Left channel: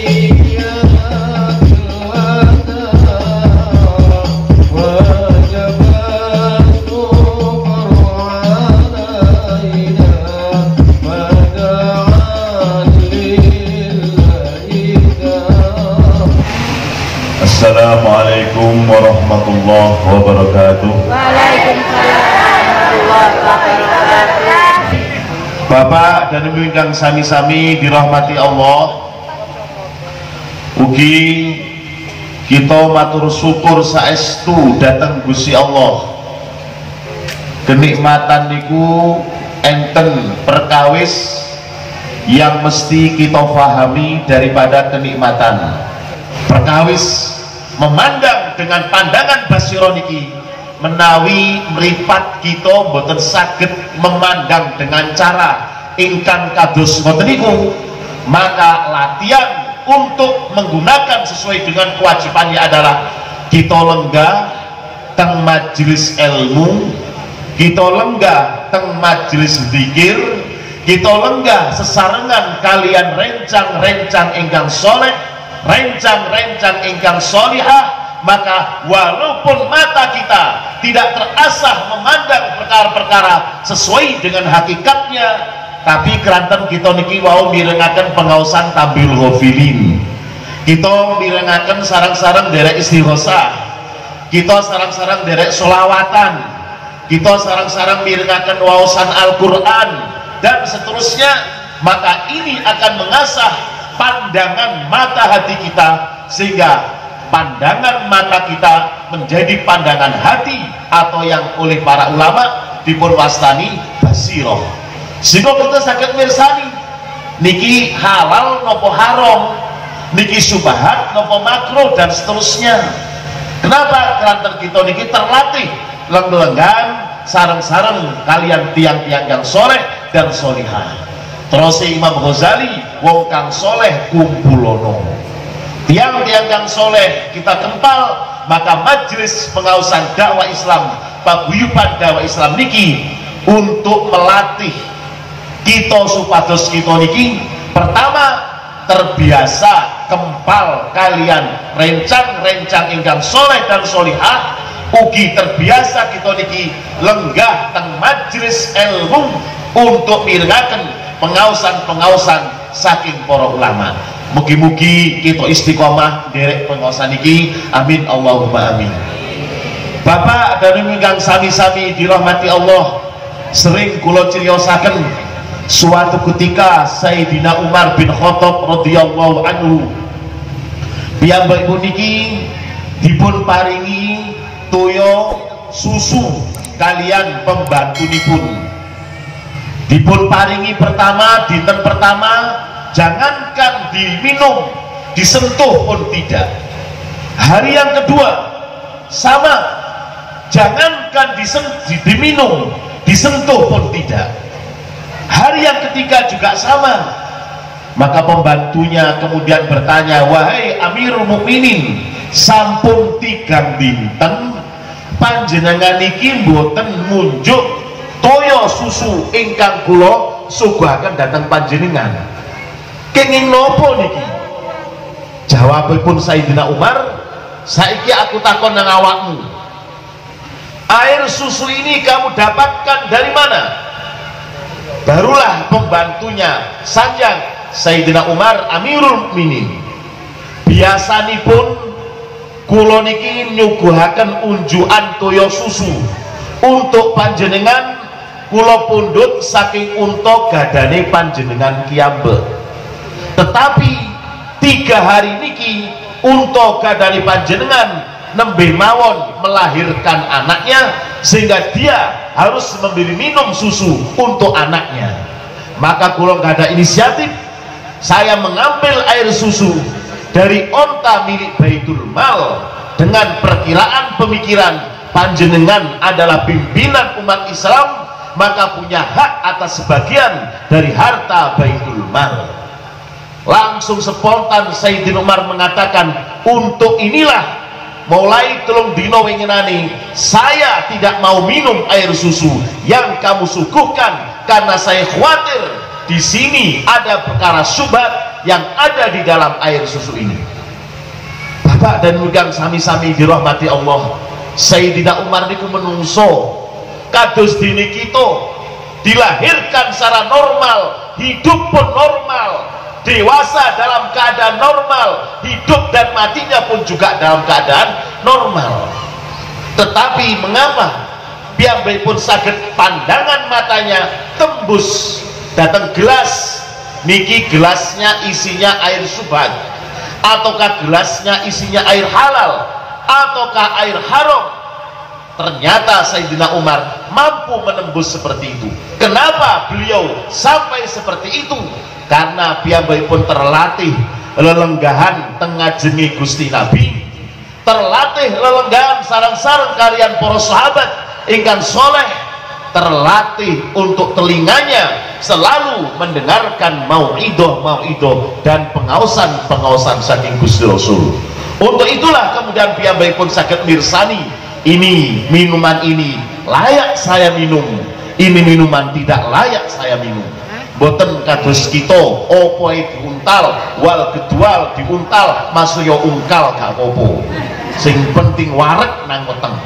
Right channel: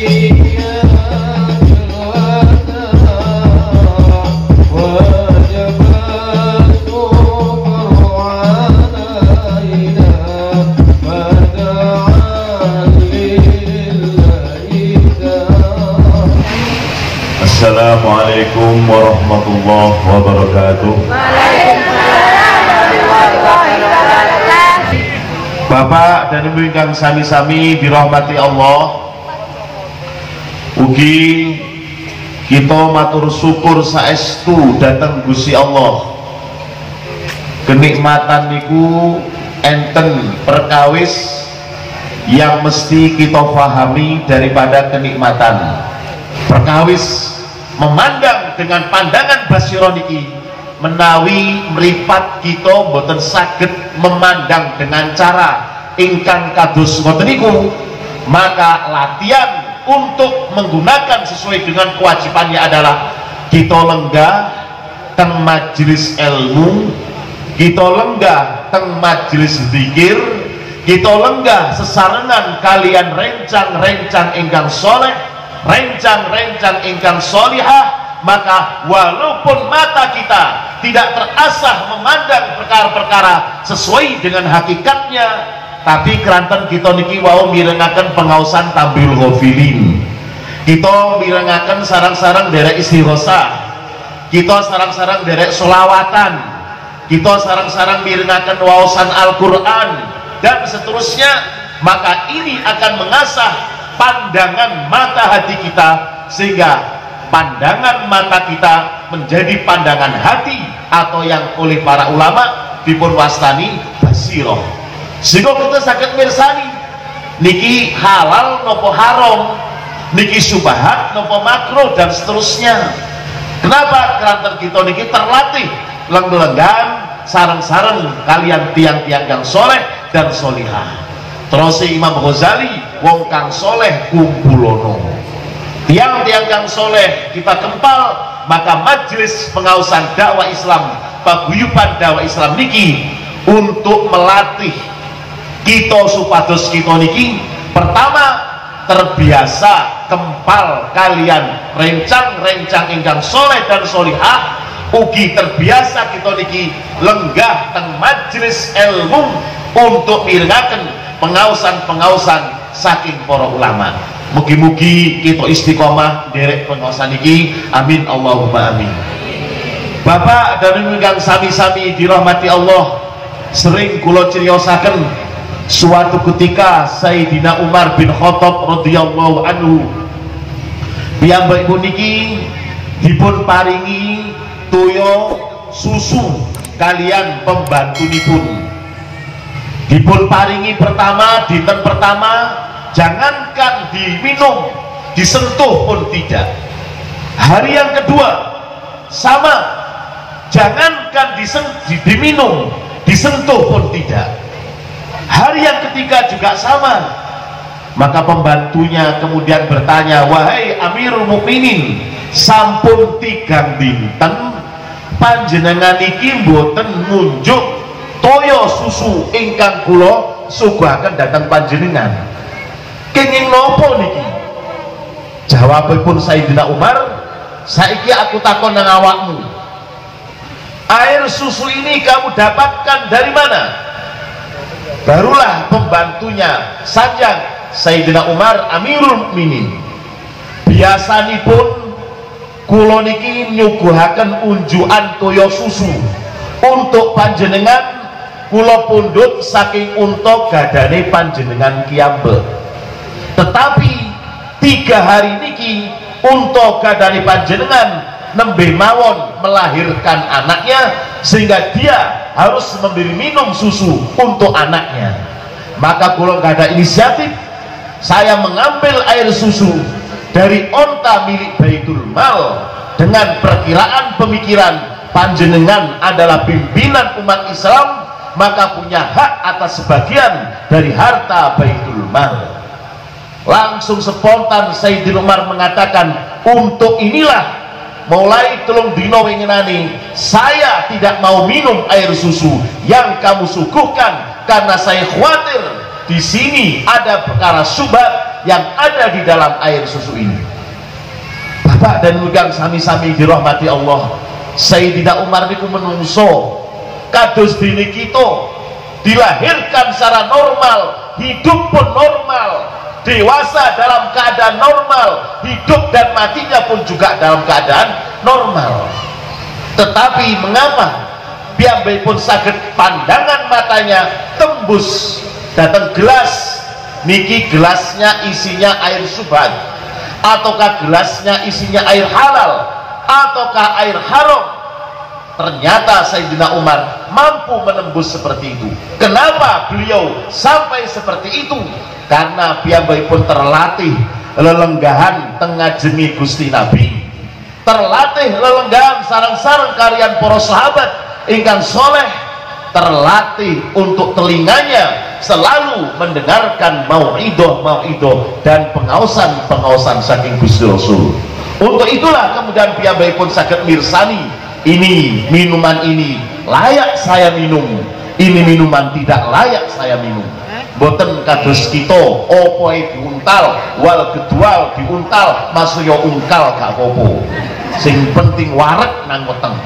Assalamualaikum warahmatullahi wabarakatuh. Bapak dan Ibu ingkang sami-sami dirahmati Allah, ugi kita matur syukur saestu dateng Gusti Allah. Kenikmatan niku enten perkawis yang mesti kita pahami daripada kenikmatan. Perkawis memandang dengan pandangan basira niki menawi mripat kita boten saged memandang dengan cara ingkang kados ngoten niku, maka latihan untuk menggunakan sesuai dengan kewajibannya adalah kita lenggah teng majelis ilmu, kita lenggah teng majelis zikir, kita lenggah sesarengan kalian rencang-rencang ingkang soleh, rencang-rencang ingkang solihah. Maka walaupun mata kita tidak terasah memandang perkara-perkara sesuai dengan hakikatnya, tapi keranten kita niki wau mirengaken pengaosan tampil ghafilin, kita mirengaken sarang-sarang derek istighosah, kita sarang-sarang derek solawatan, kita sarang-sarang mirengaken waosan Al-Quran dan seterusnya. Maka ini akan mengasah pandangan mata hati kita, sehingga pandangan mata kita menjadi pandangan hati, atau yang oleh para ulama dipun wastani basiroh, sehingga kita saged mirsani niki halal nopo haram, niki subhat nopo makruh dan seterusnya. Kenapa? Karena kita niki terlatih leng-lenggan sareng-sareng kalian tiang-tiang yang soleh dan solihah. Terus Imam Ghazali, wong kang soleh kumpulono, tiang-tiang yang soleh kita kempal. Maka majelis pengaosan dakwah Islam, paguyuban dakwah Islam niki untuk melatih kita supados kita niki pertama terbiasa kempal kalian rencang-rencang ingkang soleh dan solihah, ugi terbiasa kita niki lenggah teng majelis ilmu untuk mirengaken pengaosan-pengaosan saking para ulama. Mugi-mugi kita istiqomah derek pengaosan iki, amin Allahumma amin. Bapak dan Ibu ingkang sami-sami dirahmati Allah, sering kula criosaken suatu ketika Sayyidina Umar bin Khattab radhiyallahu anhu piyambakipun niki dipun paringi toya susu kalian pembantunipun. Dipun paringi pertama, dinten pertama jangankan diminum, disentuh pun tidak. Hari yang kedua sama, jangankan diminum, disentuh pun tidak. Hari yang ketiga juga sama. Maka pembantunya kemudian bertanya, wahai Amirul Mukminin, sampun 3 dinten panjenengan iki mboten munjuk toya susu ingkang kula suguhaken dhateng panjenengan. Kenging nopo niki? Jawabipun Sayyidina Umar, saiki aku takon nang awakmu, air susu ini kamu dapatkan dari mana? Barulah pembantunya sajak Sayyidina Umar, Amirul Mukminin, biasanipun kula niki nyuguhaken unjukan toya susu untuk panjenengan, kula pundhut saking unta gadane panjenengan kiyambek. Tetapi 3 hari niki unta gadane panjenengan nembe mawon melahirkan anaknya, sehingga dia harus memberi minum susu untuk anaknya. Maka kula nggak ada inisiatif, saya mengambil air susu dari onta milik Baitul Mal dengan perkiraan pemikiran panjenengan adalah pimpinan umat Islam, maka punya hak atas sebagian dari harta Baitul Mal. Langsung spontan Sayyidina Umar mengatakan, untuk inilah mulai tulung dino winginani saya tidak mau minum air susu yang kamu suguhkan, karena saya khawatir di sini ada perkara subhat yang ada di dalam air susu ini. Bapak dan Ibu sami-sami dirahmati Allah, Sayyidina Umar niku menungso kados dene kita, dilahirkan secara normal, hidup pun normal, dewasa dalam keadaan normal, hidup dan matinya pun juga dalam keadaan normal. Tetapi mengapa piyambakipun saged pandangan matanya tembus datang gelas niki, gelasnya isinya air subhat, ataukah gelasnya isinya air halal, ataukah air haram? Ternyata Sayyidina Umar mampu menembus seperti itu. Kenapa beliau sampai seperti itu? Karena piyambakipun terlatih lelenggahan tengah jengi Gusti Nabi, terlatih lelenggahan sarang-sarang kalian para sahabat ingkang soleh, terlatih untuk telinganya selalu mendengarkan mau'idoh dan pengaosan saking Gusti Rasul. Untuk itulah kemudian piyambakipun saged mirsani, ini minuman ini layak saya minum, ini minuman tidak layak saya minum. Boten kados kita opoe diuntal wal gedwal diuntal masuya ungkal gak apa-apa, sing penting wareg nang weteng.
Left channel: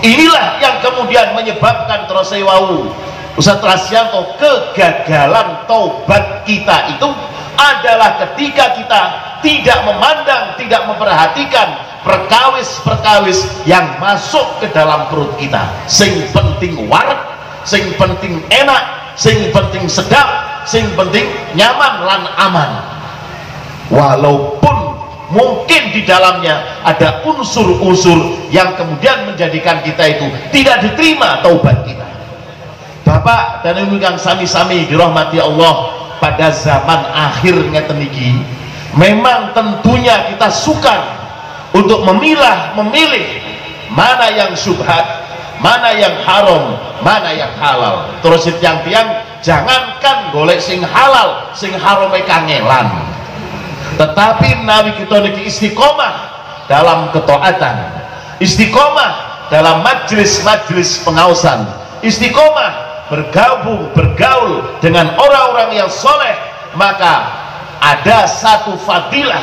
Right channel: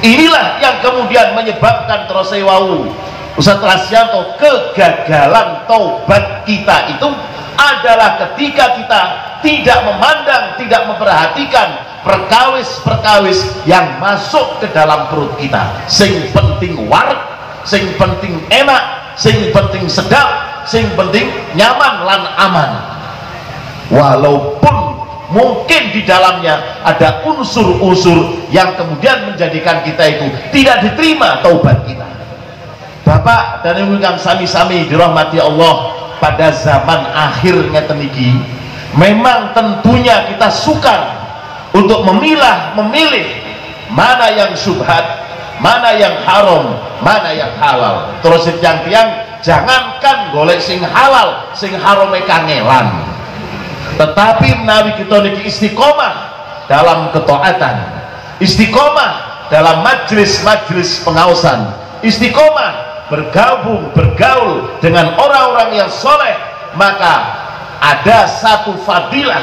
Inilah yang kemudian menyebabkan terus wau Ustaz Rasyanto, kegagalan taubat kita itu adalah ketika kita tidak memandang, tidak memperhatikan perkawis-perkawis yang masuk ke dalam perut kita. Sing penting wareg, sing penting enak, sing penting sedap, sing penting nyaman lan aman. Walaupun mungkin di dalamnya ada unsur-unsur yang kemudian menjadikan kita itu tidak diterima taubat kita. Bapak dan Ibu yang sami-sami dirahmati Allah, pada zaman akhir ngeten iki memang tentunya kita sukar untuk memilih mana yang subhat, mana yang haram, mana yang halal. Terus tiang-tiang jangankan golek sing halal, sing harame kangelan. Tetapi menawi kita niki istiqomah dalam ketaatan, istiqomah dalam majelis-majelis pengaosan, istiqomah bergaul dengan orang-orang yang soleh, maka ada satu fadilah,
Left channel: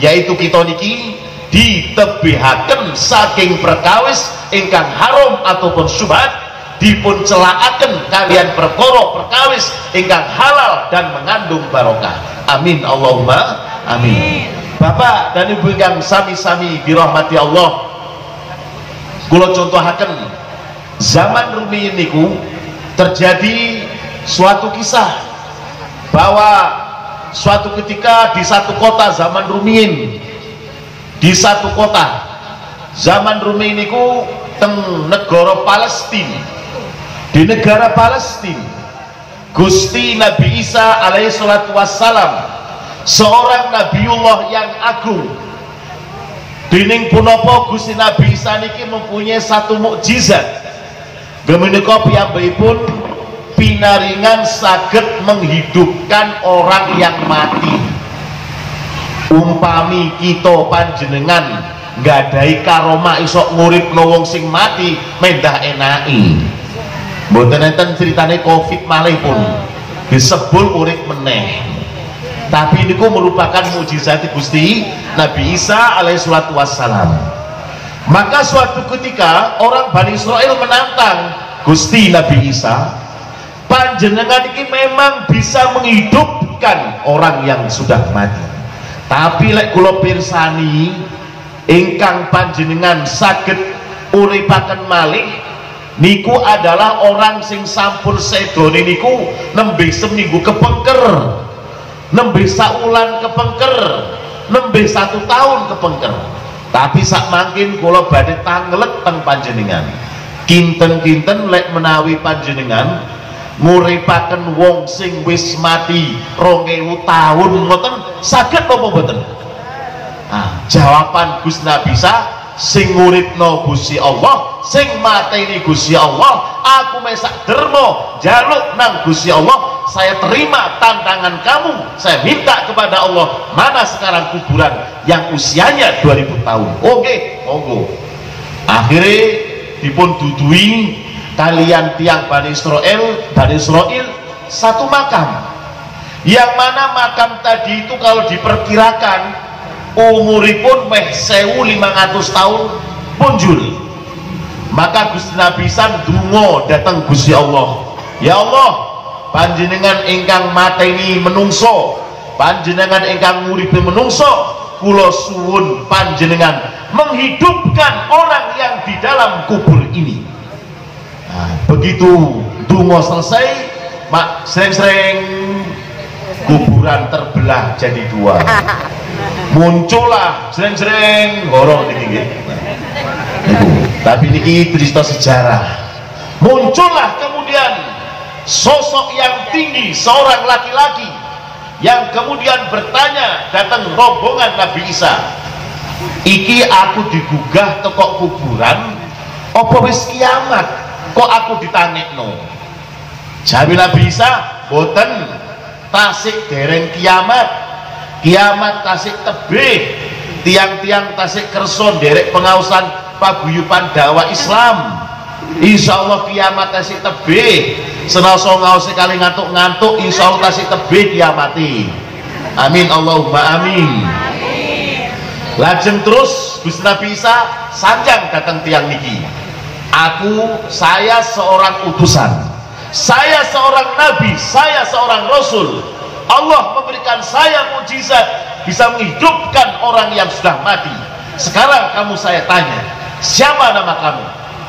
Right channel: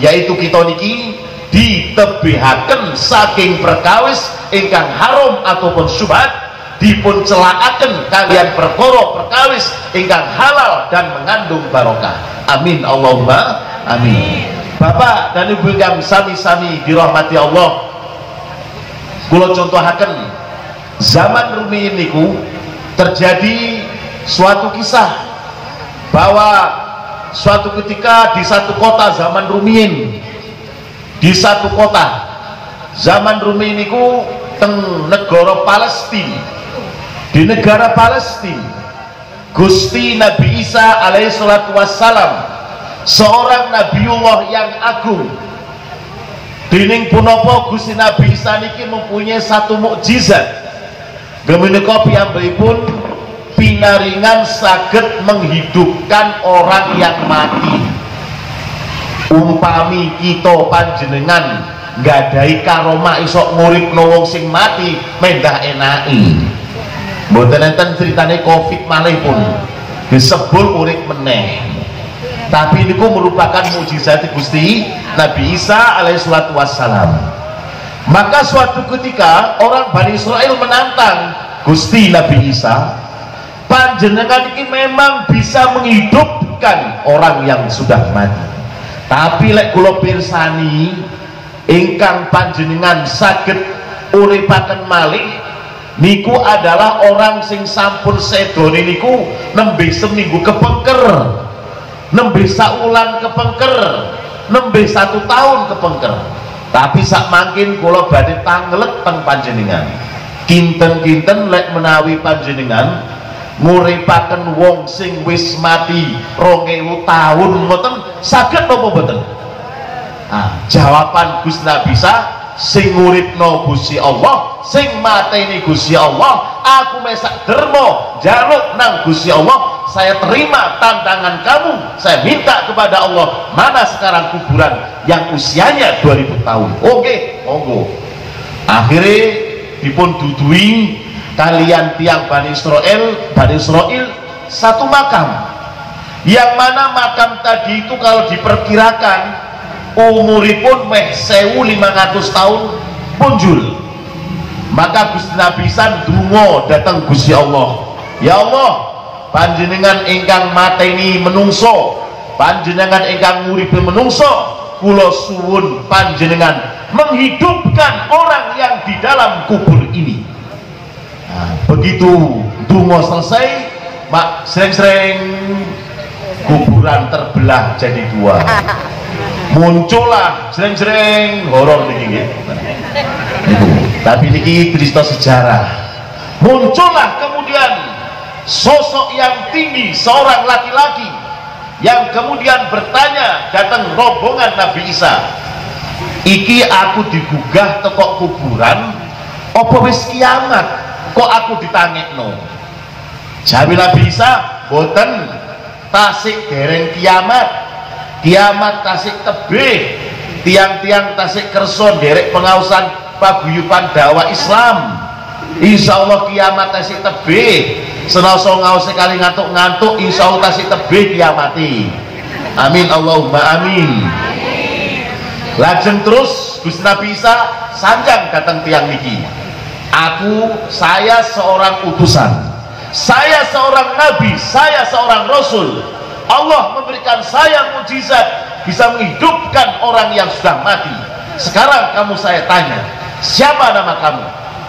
yaitu kita niki ditebihaken saking perkawis ingkang haram ataupun syubhat, dipun celakaken kalian perkara perkawis ingkang halal dan mengandung barokah. Amin Allahumma amin. Bapak dan Ibu yang sami-sami dirahmati Allah, kula contohaken zaman rumiyin niku terjadi suatu kisah bahwa suatu ketika di satu kota zaman rumiyin, di satu kota zaman rumiyin niku teng negara Palestina, di negara Palestina Gusti Nabi Isa alaihi salatu wassalam, seorang Nabiullah yang agung. Dening punapa Gusti Nabi Isa niki mempunyai satu mukjizat. Gemenika piyambakipun pinaringan saged menghidupkan orang yang mati. Umpami kita panjenengan nggadahi karomah iso nguripno wong sing mati, mendah enaki. Mboten enten critane Covid malih pun disebul urip meneh. Tapi niku merupakan mukjizat Gusti Nabi Isa alaihi salatu wassalam. Maka suatu ketika orang Bani Israel menantang Gusti Nabi Isa, panjenengan ini memang bisa menghidupkan orang yang sudah mati. Tapi lek kula pirsani ingkang panjenengan saged uripaken malih niku adalah orang sing sampun sedone niku nembe seminggu kepengker, nembe saulan kepengker, nembe 1 tahun kepengker. Tapi sak mangkin kula badhe tangelet teng panjenengan, kinten-kinten lek menawi panjenengan nguripaken wong sing wis mati 2000 tahun ngoten saged apa mboten? Nah, jawaban Gusti Nabi Isa, sing nguripno Gusti Allah, sing mateni Gusti Allah. Aku mesak dermo jaluk nang Gusti Allah, saya terima tantangan kamu, saya minta kepada Allah, mana sekarang kuburan yang usianya 2000 tahun. Oke, monggo. Akhirnya dipun dudui kalian tiang Bani Israel satu makam yang mana makam tadi itu kalau diperkirakan umuripun meh 1500 tahun punjul. Maka Gusti Nabi san ndonga datang Gusti Allah, ya Allah, panjenengan ingkang mateni menungso, panjenengan ingkang nguripi menungso, kula suwun panjenengan menghidupkan orang yang di dalam kubur ini. Nah, begitu donga selesai, mak sering-sering kuburan terbelah jadi dua. Muncullah sering-sering horor niki. Tapi niki cerita sejarah. Muncullah kemudian sosok yang tinggi, seorang laki-laki yang kemudian bertanya, datang rombongan Nabi Isa, iki aku digugah teko kuburan apa wis kiamat kok aku ditangekno? Jawi Nabi Isa, boten, tasik dereng kiamat, kiamat tasik tebih, tiang-tiang tasik kerson derek pengausan paguyuban dakwah Islam. Insya Allah kiamat tasik tebih, senasa ngause kali ngantuk-ngantuk, insya Allah tasik tebih kiamati. Amin Allahumma amin. Lajeng terus Gusti Nabi Isa sanjang datang tiang niki, saya seorang utusan, saya seorang nabi, saya seorang rasul. Allah memberikan saya mukjizat bisa menghidupkan orang yang sudah mati. Sekarang kamu saya tanya, siapa nama kamu?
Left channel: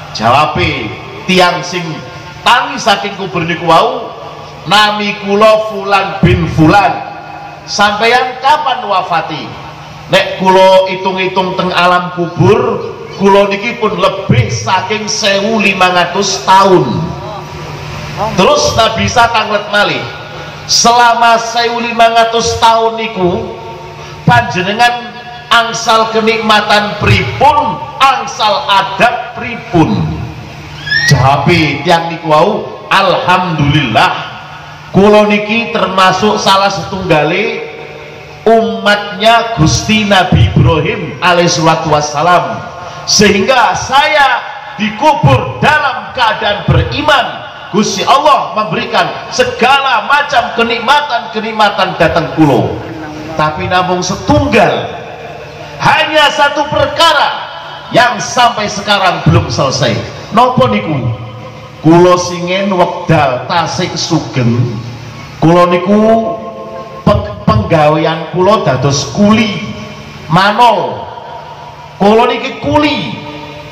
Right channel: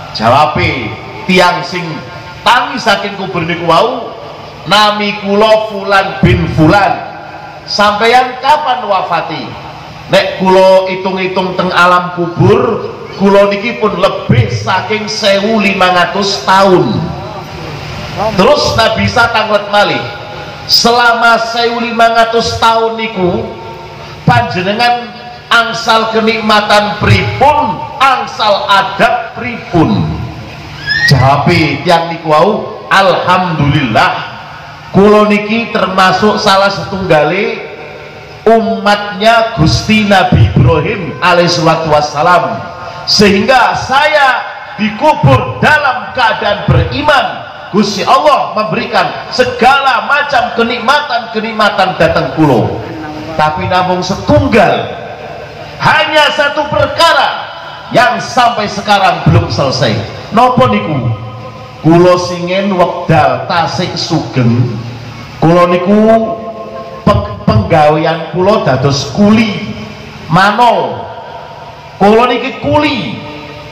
Jawabe tiang sing tangi saking kubur niku wau, nami kula Fulan bin Fulan. Sampeyan kapan wafati? Nek kula hitung-hitung teng alam kubur, kula niki pun lebih saking 1500 tahun. Terus Nabi Isa tanglet malih, selama 1500 tahun niku panjenengan angsal kenikmatan pripun, angsal adab pripun? Jawabe tiang niku wau, alhamdulillah kula niki termasuk salah setunggale umatnya Gusti Nabi Ibrahim alaihissalatu wassalam, sehingga saya dikubur dalam keadaan beriman. Gusti Allah memberikan segala macam kenikmatan-kenikmatan datang kulo, tapi namun setunggal, hanya satu perkara yang sampai sekarang belum selesai. Nopo niku? Kulo singen wekdal tasik sugeng, kulo niku penggawean kulo dados kuli manol. Kulo niki kuli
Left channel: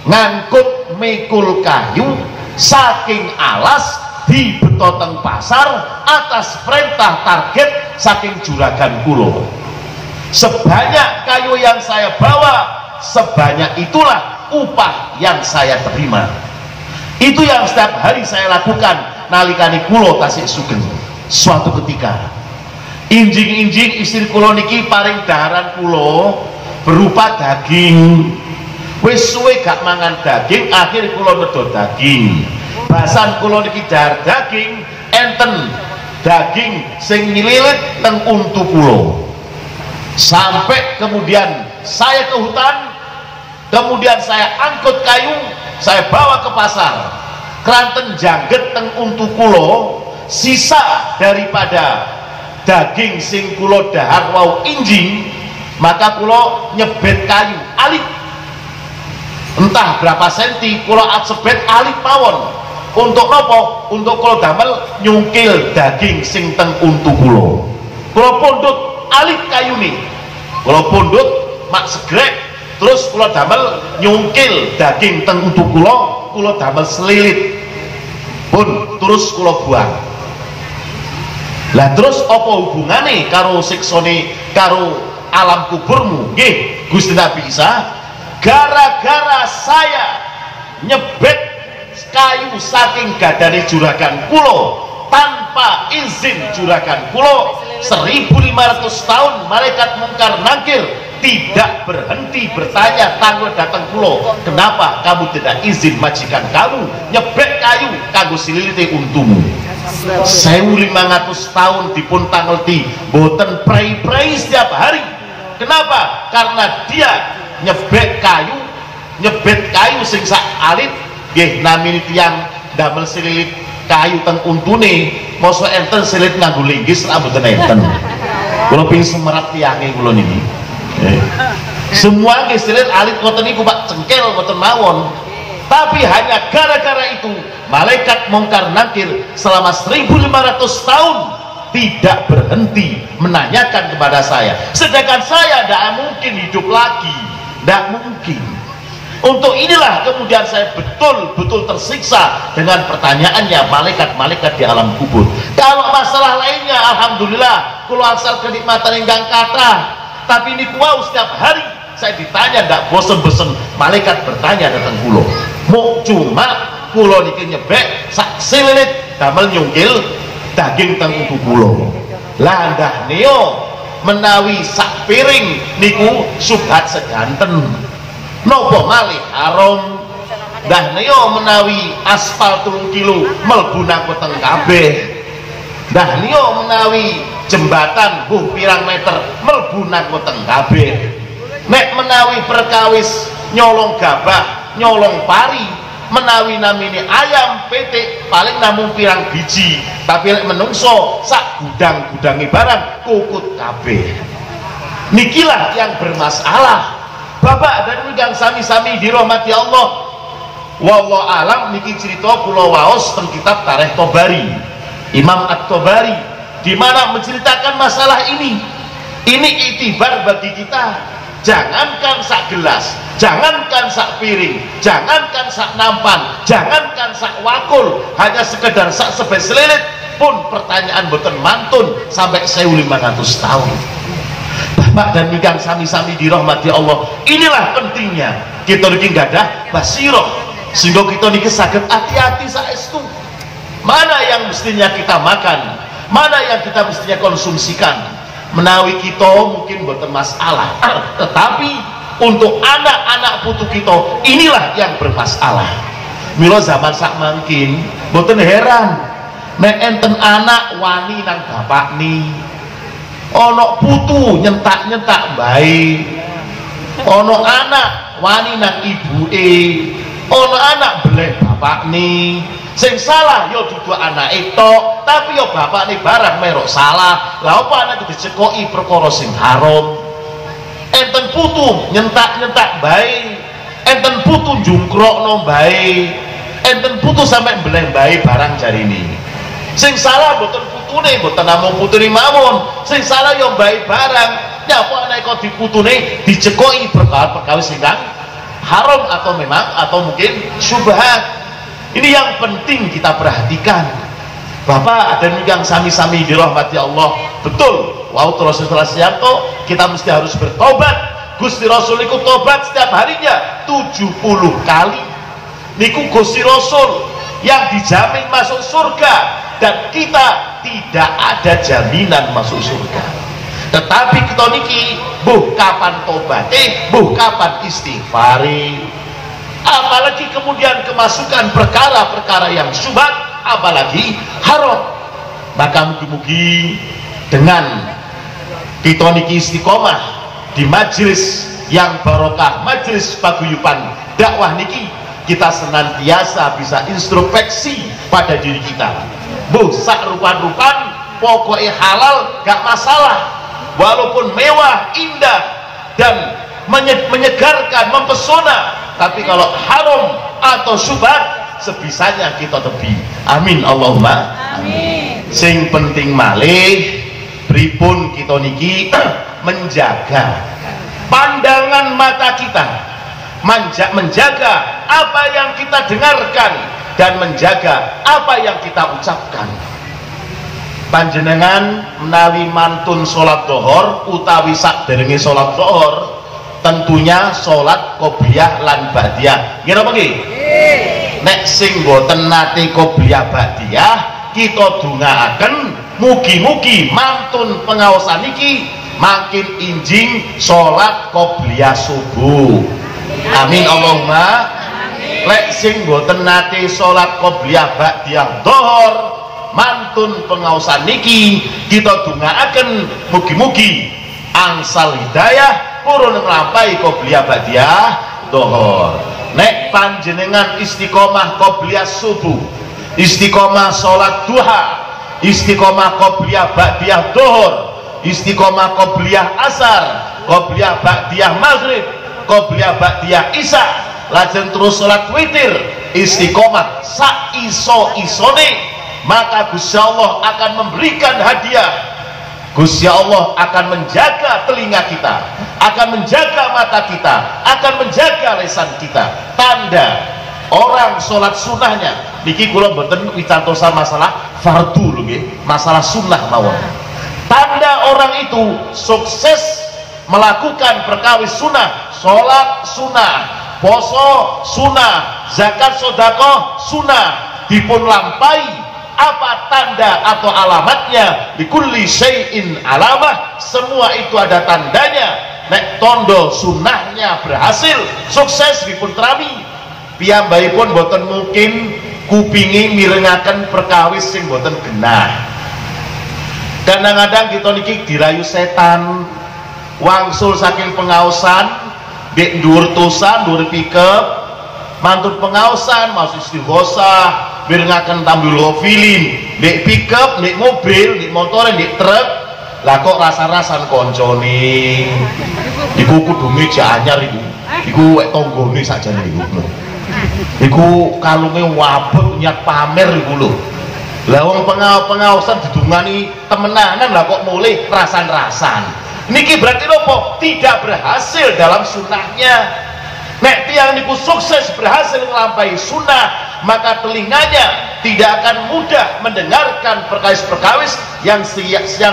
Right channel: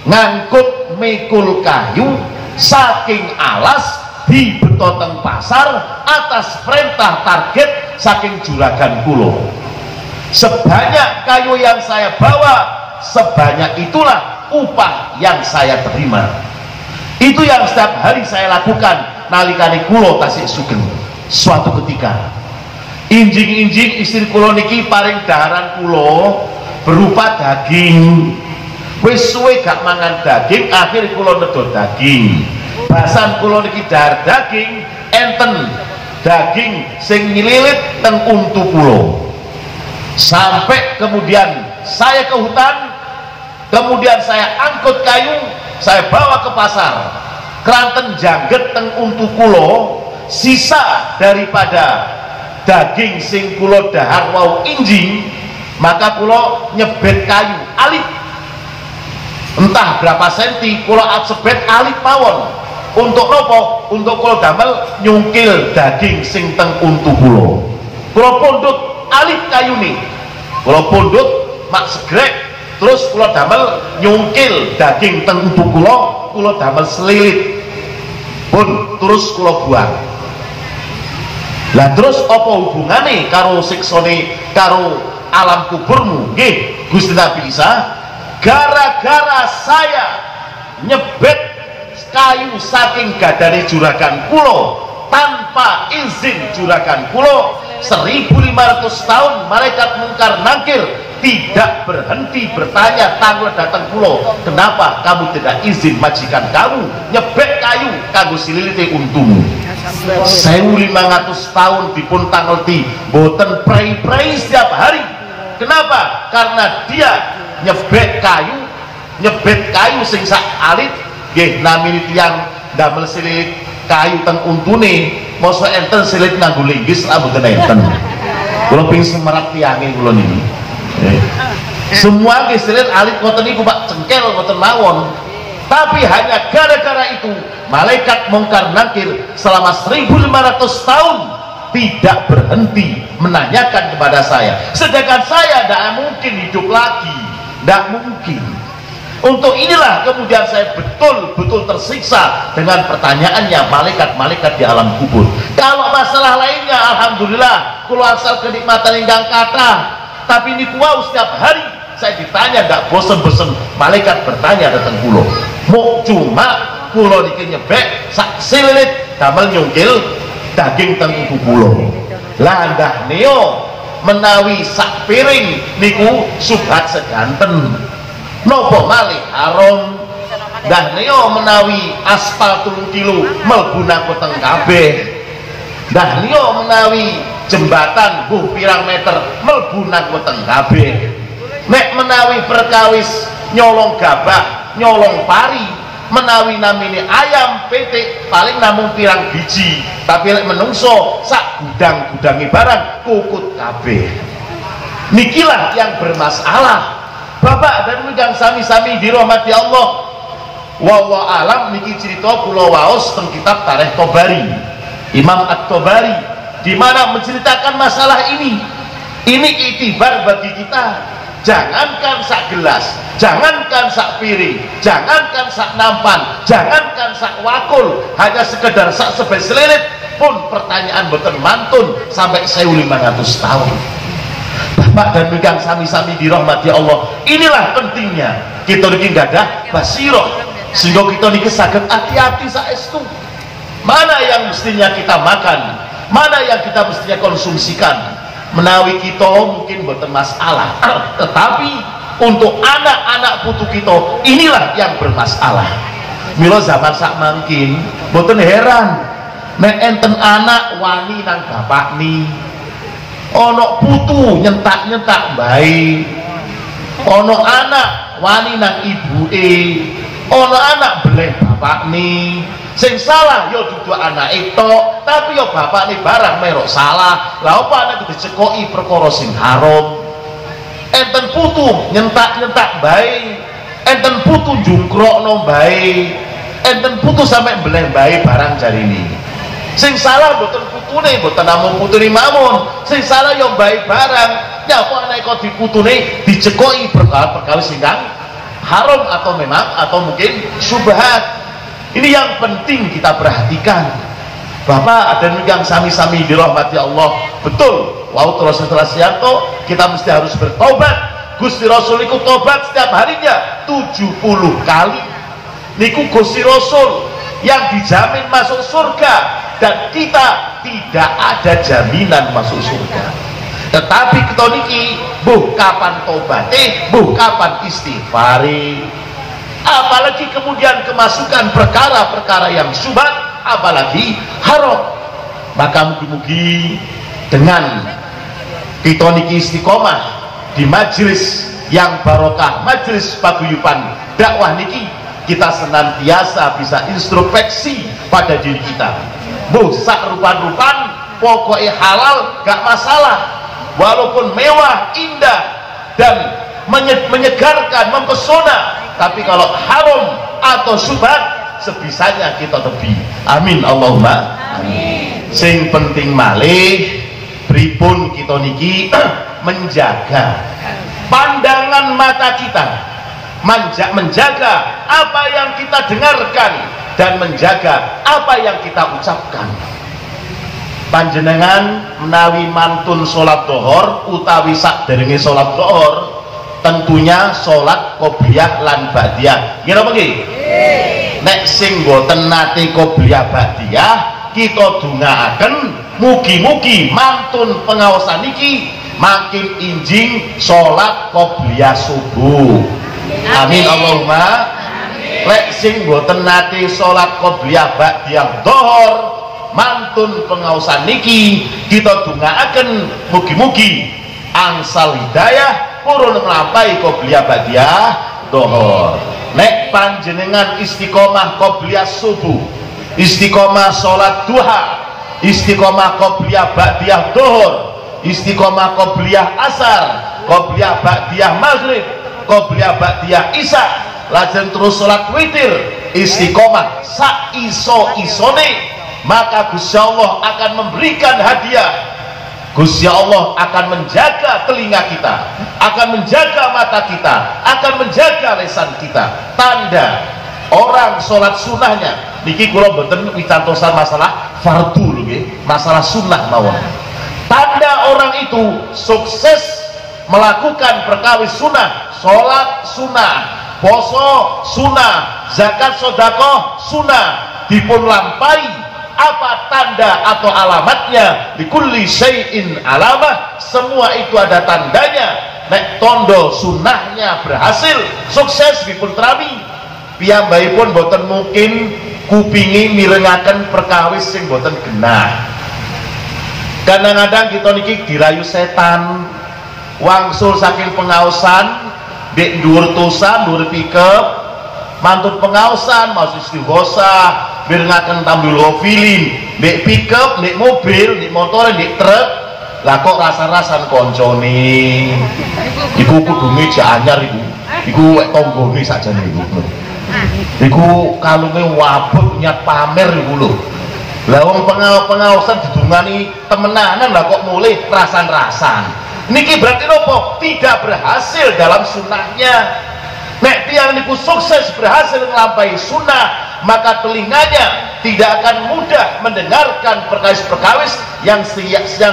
ngangkut mikul kayu saking alas di betoteng pasar atas perintah target saking juragan kulo. Sebanyak kayu yang saya bawa, sebanyak itulah upah yang saya terima. Itu yang setiap hari saya lakukan nalikane kulo tasik sugeng. Suatu ketika injing-injing istri kulo niki paring daharan kulo berupa daging. Wis suwe gak mangan daging, akhir kulo nedol daging. Basan kulo niki dahar daging, enten daging sing nililit teng untu kulo. Sampai kemudian saya ke hutan, kemudian saya angkut kayu, saya bawa ke pasar, keranten jangget teng untu kulo, sisa daripada daging sing kulo dahar wau injing, maka kulo nyebet kayu alit entah berapa senti, kulo atsebet alit mawon. Untuk nopo? Untuk kulo damel nyungkil daging sing teng untu kulo. Kulo pundut alit kayu nih, kulo pundut mak segrek, terus kulo damel nyungkil daging teng untu kulo damel selilit pun terus kulo buang. Lah terus apa hubungane karo siksane karo alam kuburmu? Nggih Gusti Nabi Isa, gara-gara saya nyebet kayu saking gadane juragan kulo tanpa izin juragan kulo, 1500 tahun malaikat mungkar nangkir tidak berhenti bertanya tanggal datang kulo, kenapa kamu tidak izin majikan kamu nyebet kayu kanggo sililite untumu? 1500 tahun dipun tangleti boten prei-prei setiap hari. Kenapa? Karena dia nyebet kayu sing sak alit nggih namine tiyang damel sililit kayu teng untune mosok enten silit nganggo linggis lah mboten enten. Kula ping semerat tiange kula niki. Semua nggih silit alit ngoten niku Pak, cengkel ngoten mawon. Tapi hanya gara-gara itu malaikat mungkar nakir selama 1500 tahun tidak berhenti menanyakan kepada saya, sedangkan saya tidak mungkin hidup lagi, tidak mungkin. Untuk inilah kemudian saya betul-betul tersiksa dengan pertanyaannya malaikat-malaikat di alam kubur. Kalau masalah lainnya alhamdulillah kula asal kenikmatan ingkang kathah, tapi ini kuau setiap hari saya ditanya tidak bosen-bosen malaikat bertanya datang kulo. Mau cuma kulo niki nyebek sak silit damel nyungkil daging teng kuku kulo. Lah ndah neo menawi sak piring niku subhat seganten. Nopo malih haram. Ndah neo menawi aspal 3 kilo mlebu nang weteng kabeh. Ndah neo menawi jembatan pirang meter mlebu nang weteng kabeh. Nek menawi perkawis nyolong gabah, nyolong pari, menawi namine ayam petik paling namung pirang biji, tapi lek menungso sak gudang-gudangi barang kukut kabeh. Nikilah yang bermasalah. Bapak dan Ibu sami-sami dirahmati Allah. Wallahu alam niki cerita kula waos teng kitab Tarikh Tobari, Imam At-Tobari, di mana menceritakan masalah ini. Ini itibar bagi kita. Jangankan sak gelas, jangankan sak piring, jangankan sak nampan, jangankan sak wakul, hanya sekedar sak sebes selilit pun pertanyaan boten mantun sampai 1500 tahun. Bapak dan Ibu sami-sami dirahmati Allah. Inilah pentingnya kita niki gadah basirah sehingga kita niki saged hati-hati saestu. Mana yang mestinya kita makan, mana yang kita mestinya konsumsikan. Menawi kita mungkin boten masalah, tetapi untuk anak-anak putu kita inilah yang bermasalah. Mila zaman sak mangkin boten heran nek enten anak wani nang bapak ni, ono putu nyentak-nyentak bae, ono anak wani nang ibuke, ono anak beleh bapak ni. Sing salah yo dudu anake tok, tapi yo bapakne barang merok salah. Lah apa anak dicekoki perkara sing haram. Enten putu nyentak-nyentak bae, enten putu jungkrokno bae, enten putu sampe mbeleh bae barang jarine. Sing salah mboten putune, mboten namung putune mawon. Sing salah yo bae barang. Ya apa anake kok diputune dicekoki perkara-perkara sing haram atau memang atau mungkin syubhat. Ini yang penting kita perhatikan. Bapak dan yang sami-sami dirahmati Allah. Betul, wow terus setelah sianto kita mesti harus bertobat. Gusti Rasul iku tobat setiap harinya 70 kali. Niku Gusti Rasul yang dijamin masuk surga, dan kita tidak ada jaminan masuk surga. Tetapi kita niki buh kapan tobatnya, buh kapan istighfari. Apalagi kemudian kemasukan perkara-perkara yang syubhat, apalagi haram. Maka mugi-mugi dengan kita niki istiqomah di majelis yang barokah, majelis paguyuban dakwah niki, kita senantiasa bisa introspeksi pada diri kita. Bu sak rupan-rupan pokoknya halal gak masalah, walaupun mewah, indah dan menyegarkan, mempesona. Tapi kalau haram atau syubhat sebisanya kita tebi. Amin Allahumma amin. Sing penting malih pripun kita niki menjaga pandangan mata kita, menjaga apa yang kita dengarkan, dan menjaga apa yang kita ucapkan. Panjenengan menawi mantun sholat dohor utawi sakderenge sholat dohor, tentunya sholat qobliyah lan ba'diyah. Ngira apa nggih? Nek sing boten nate qobliyah ba'diyah, kita dongaaken mugi-mugi mantun pengaosan niki makin injing sholat qobliyah subuh. Amin Allahumma. Lek sing boten nate sholat qobliyah ba'diyah dohor, mantun pengaosan niki kita dongaaken mugi-mugi angsal hidayah purun nglampahi qobliyah ba'diyah dohor. Nek panjenengan istiqomah qobliyah subuh istiqomah sholat duha, istiqomah qobliyah ba'diyah dhuhur, istiqomah qobliyah asar, qobliyah ba'diyah maghrib, qobliyah ba'diyah isya, lajeng terus sholat witir, istiqomah sak iso-isone, maka Gusti Allah akan memberikan hadiah. Gusti Allah akan menjaga telinga kita, akan menjaga mata kita, akan menjaga lisan kita. Tanda orang sholat sunnahnya niki kula mboten wicantosan masalah fardu lho nggih, masalah sunnah mawon. Tanda orang itu sukses melakukan perkawis sunnah, sholat sunnah, poso sunnah, zakat sedekah sunnah, dipun lampahi. Apa tanda atau alamatnya? Likulli syai'in alamah, semua itu ada tandanya. Nek tondo sunnahnya berhasil, sukses dipun trami, piyambakipun boten mungkin kupingi mirengaken perkawis sing boten genah. Kadang-kadang kita niki dirayu setan, wangsul saking pengaosan, dek dhuwur tosa, dhuwur pikep, mantut pengaosan, mau istighosah, mirengaken tambul ghafilin, dek pikep, dek mobil, dek motor, dek truk, lah kok rasa-rasan koncone iku kudu meja anyar iku wek tanggane sakjane iku kalunge wabut niat pamer iku lho. Lah wong pengaosan didungani temenanan, lah kok mulih rasan-rasan. Niki berarti nopo? Tidak berhasil dalam sunnahnya. Nek tiang niku sukses berhasil melampaui sunnah, maka telinganya tidak akan mudah mendengarkan perkawis-perkawis yang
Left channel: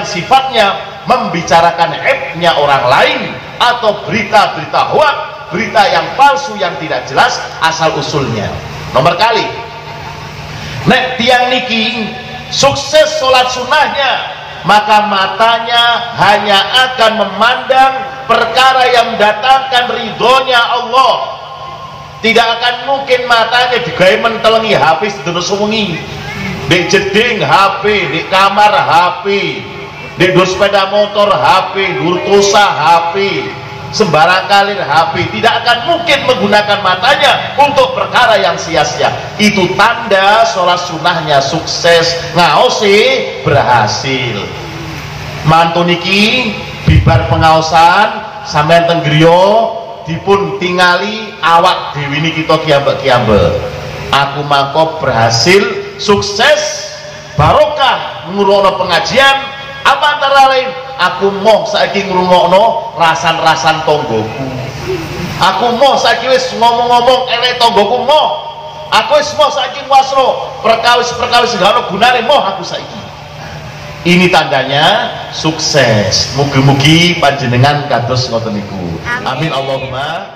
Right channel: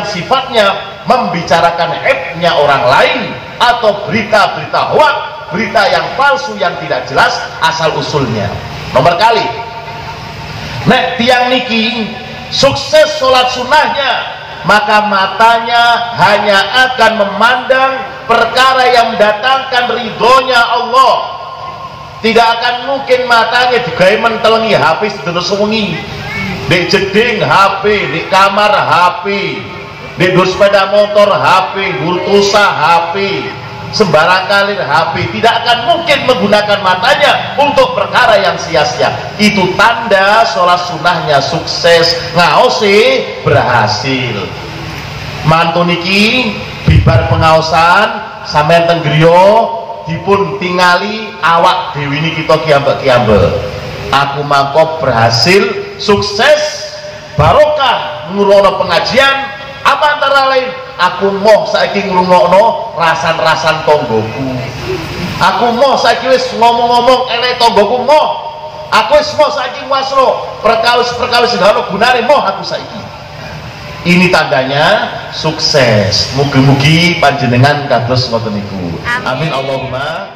sifatnya membicarakan aibnya orang lain atau berita-berita hoak, berita yang palsu yang tidak jelas asal usulnya. Nomor kali, nek tiang niki sukses sholat sunnahnya, maka matanya hanya akan memandang perkara yang mendatangkan ridhonya Allah. Tidak akan mungkin matanya digawe mentelengi HP sedina sewengi, di jeding HP, di kamar HP, di dur sepeda motor HP, dur tusa HP, sembarang kalir HP. Tidak akan mungkin menggunakan matanya untuk perkara yang sia-sia. Itu tanda sholat sunnahnya sukses, ngaosi berhasil. Mantu niki bibar pengaosan sampeyan teng griya dipun tingali awak dewi niki kita kiambak-kiambak. Aku mangkok berhasil sukses barokah ngrungokno pengajian. Apa antara lain aku moh saiki ngrungokno rasan-rasan tonggoku. Aku moh saiki wis ngomong-ngomong elek tonggoku moh. Aku wis moh saiki wasno perkawis-perkawis sing ana gunane moh aku saiki. Ini tandanya sukses. Mugi-mugi panjenengan kados ngoten niku. Amin Allahumma